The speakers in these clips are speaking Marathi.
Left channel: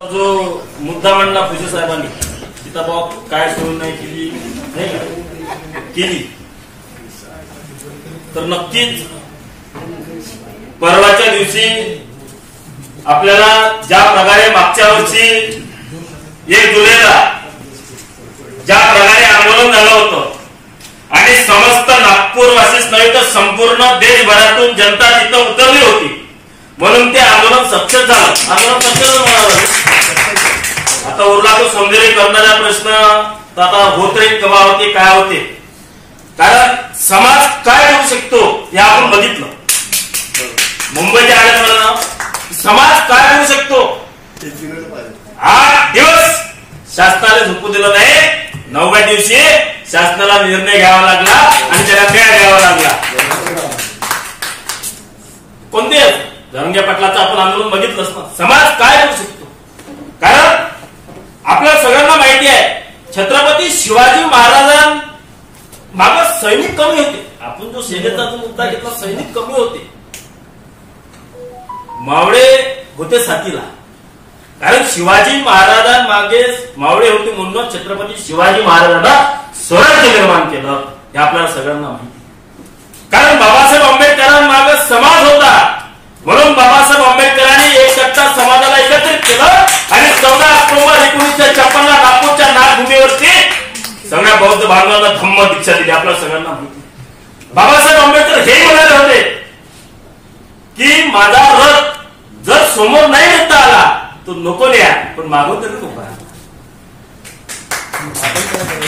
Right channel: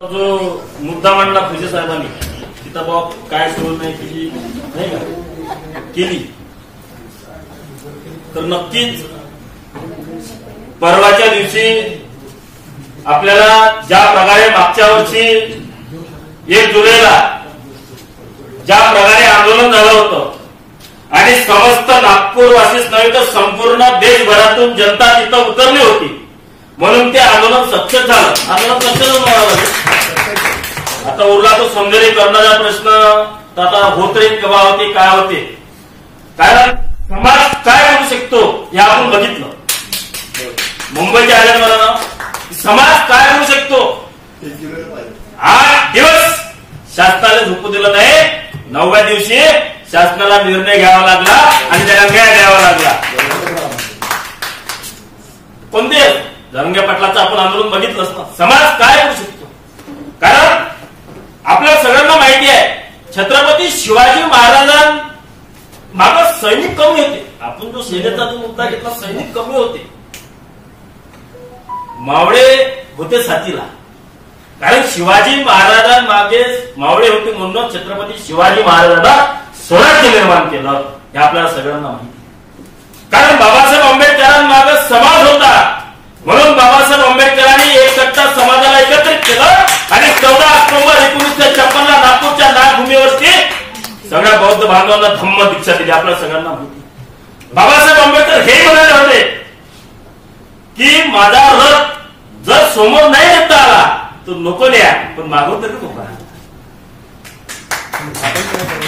जो मुद्दा मांडला पूजे साहेबांनी तिथं बाब काय सोय नाही केली नाही का केली तर नक्कीच परवाच्या दिवशी आपल्याला ज्या प्रकारे मागच्या वर्षी 1 जुलैला ज्या प्रकारे आंदोलन झालं होतं आणि समस्त नागपूरवासीच नाही तर संपूर्ण देशभरातून जनता तिथं उतरली होती म्हणून ते आंदोलन सक्सेस झालं. आंदोलन सक्सेस म्हणावं. आता उरला तो सौंदर्यीकरणाचा प्रश्न तर आता होत राहील कवा होते काय होते कारण समाज काय करू शकतो हे आपण बघितलं. मुंबईच्या आल्यात मला समाज काय करू शकतो 8 दिवस शासनाला झोपू दिलं नाही. 9व्या दिवशी शासनाला निर्णय घ्यावा लागला आणि त्याला न्याय द्यावा लागला. कोणते धनंजय पाटलाचं आपण आंदोलन बघितलंच ना. समाज काय करू शकतो कारण आपल्या सगळ्यांना माहिती आहे छत्रपती शिवाजी महाराजां मागे सैनिक कमी होते. आपण जो सेनेचा जो मुद्दा घेतला सैनिक कमी होते. मावळे होते साथीला कारण शिवाजी महाराजांमागे मावळे होते म्हणून छत्रपती शिवाजी महाराजांना स्वराज्य निर्माण केलं हे आपल्याला सगळ्यांना माहिती. कारण बाबासाहेब आंबेडकरांमागे समाज होता म्हणून बाबासाहेब आंबेडकरांनी एक सत्ता समाजाला एकत्रित केलं आणि 14 ऑक्टोबर 1956 नागपूरच्या नागभूमीवरती सगळ्या बौद्ध बांधवांना धम्म दीक्षा दिली. आपल्याला सगळ्यांना माहिती. बाबासाहेब आंबेडकर हे म्हणाले होते की माझा रथ जर समोर नाही नेता आला तो नको न्या पण मागून तरी नको.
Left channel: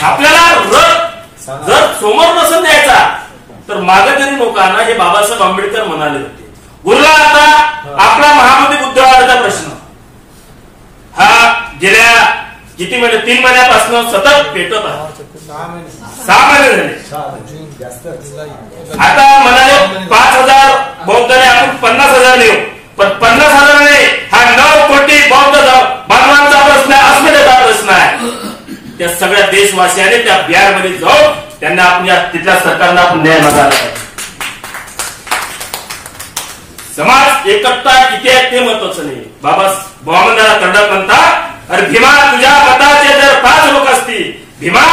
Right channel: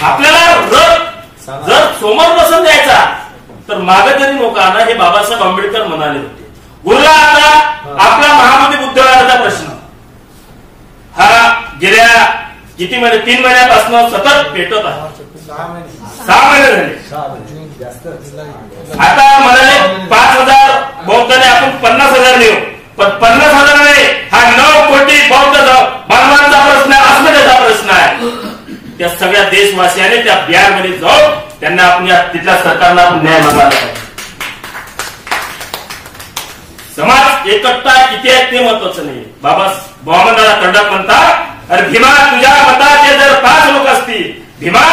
आपल्याला रथ जर समोर नसून द्यायचा तर मागे तरी नको आणा हे बाबासाहेब आंबेडकर म्हणाले होते. उरला आता आपला महामती बुद्धवादाचा प्रश्न. हा गेल्या किती महिने 3 महिन्यापासून सतत पेटत आहे. 6 महिने झाले. आता म्हणाले 5,000 बौद्धाने आपण 50,000 देऊ पण 50,000 नाही हा 9 कोटी बौद्ध बांधवांचा प्रश्न आहे. अस्मितेचा प्रश्न आहे. त्या सगळ्या देशवासियांनी त्या बिहारमध्ये जाऊन त्यांना आपण तिथल्या सरकारला आपण न्याय मागायला. समाज एकता किती आहे ते महत्वाचं नाही. बाबा बॉमंदाला तंडक म्हणतात अरे भीमा तुझ्या मताचे जर 5 लोक असतील भीमा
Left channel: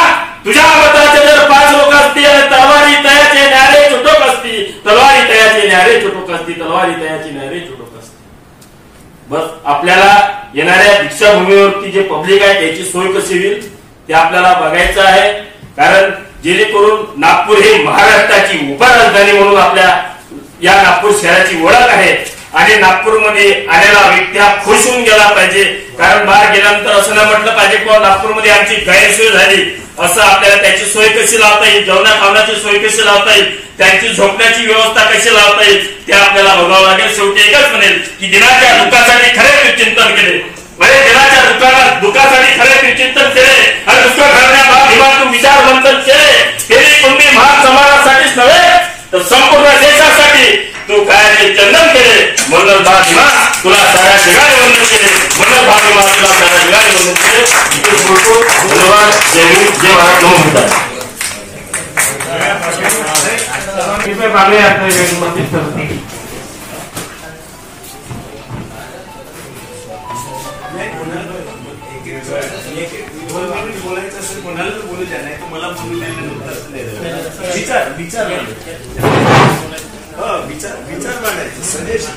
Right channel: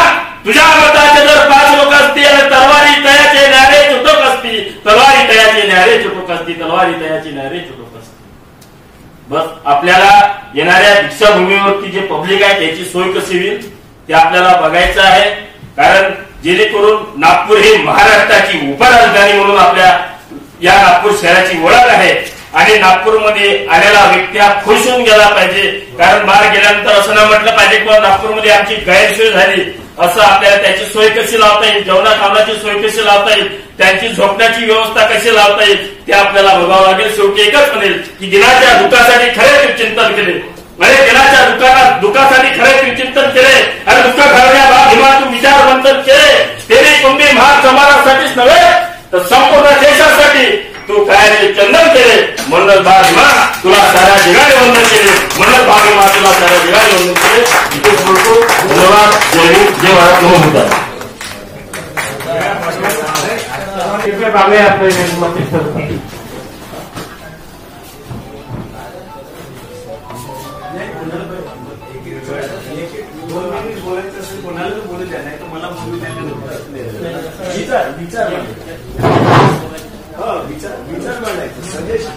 तुझ्या मताचे जर 5 लोक असतील आणि तलवारी तयाचे न्यारे चुटोक असतील तलवारी तयाचे न्यारे चुटोक असतील तलवारी तयाची न्यारे चुटोक असतील. बस आपल्याला येणाऱ्या दीक्षाभूमीवरती जे पब्लिक आहे त्याची सोय कशी होईल ते आपल्याला बघायचं आहे. कारण जेणेकरून नागपूर हे महाराष्ट्राची उपराजधानी म्हणून आपल्या या नागपूर शहराची ओळख आहे आणि नागपूरमध्ये आलेला व्यक्ती हा खुश होऊन गेला पाहिजे. कारण बाहेर गेल्यानंतर असं नाही म्हटलं पाहिजे किंवा नागपूरमध्ये आमची गैरसोय झाली असं. आपल्याला त्याची सोय कशी लावता येईल जेवणा खावण्याची सोय कशी लावता येईल त्यांची झोपण्याची व्यवस्था कशी लावता येईल ते आपल्याला बघावं लागेल. शेवटी एकच म्हणेल की दिनाच्या दुःखासाठी खरे चिंतन केले म्हणजे दिनाच्या दुःखासाठी खरे चिंतन केले आणि दुःख घालण्याबाबत हिमातून विचारवंतन केले तेरी कुंभी महान समाजासाठीच नव्हे तर संपूर्ण देशासाठी तू काय रे चंदन केले म्हणून बा भीमा तुला साऱ्या जगाने वंदन केले म्हणून बा भीमा तुला साऱ्या जगाने वंदन केले. धन्यवाद. जय हिंद जय महाराष्ट्र. विचार मांडायचं सजेशन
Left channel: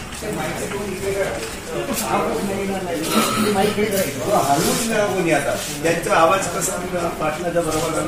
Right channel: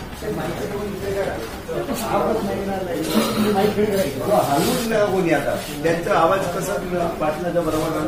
हलवून कोणी आता त्यांचा आवाज कसा पाटलाचा बरोबर.